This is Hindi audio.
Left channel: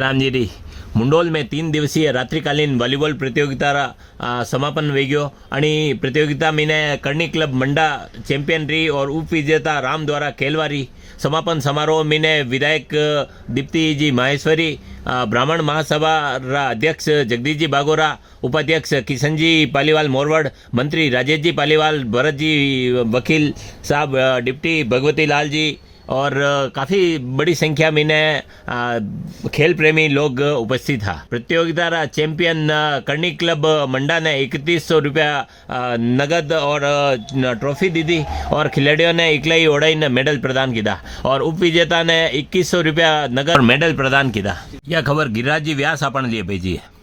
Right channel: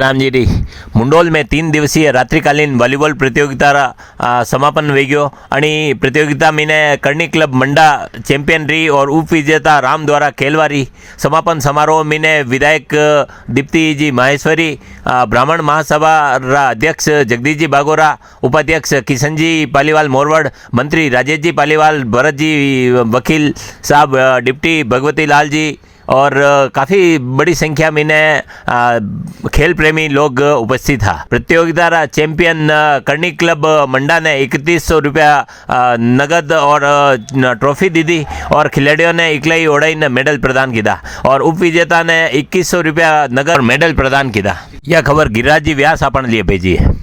रामजीरी मुंडोल में 3 दिवसीय रात्रिकालीन वॉलीबॉल प्रतियोगिता समापन वेग्यो आणि प्रतियोगिता मीने करणी क्लब मंडा चैंपियन रही और उपविजेता राम द्वारा खेलवारी। समापन समारोह मीने विधायक दीप्ति जी माहेश्वरी, ब्राह्मण महासभा अध्यक्ष जगदीश जी बागोरा, उपाध्यक्ष किशन जी पालीवाल मोरवड़, मंत्री राजेश जी पालीवाल, भरत जी वकील साहब, डिप्टी भगवती लाल जी और काफ़ी बड़ी संख्या में खेल प्रेमी लोग उपस्थित था। प्रतियोगिता चैंपियन करणी क्लब मंडा ने 3100 रुपया नगद और ट्रॉफी दी थी और खिलाड़ियों ने इकलाई ओढ़ाई ने मेडल प्रदान किया और उपविजेता ने 2100 रुपया नगद और मेडल प्रदान किया। यह खबर गिरिराज जी व्यास अपन लिए भेजी है।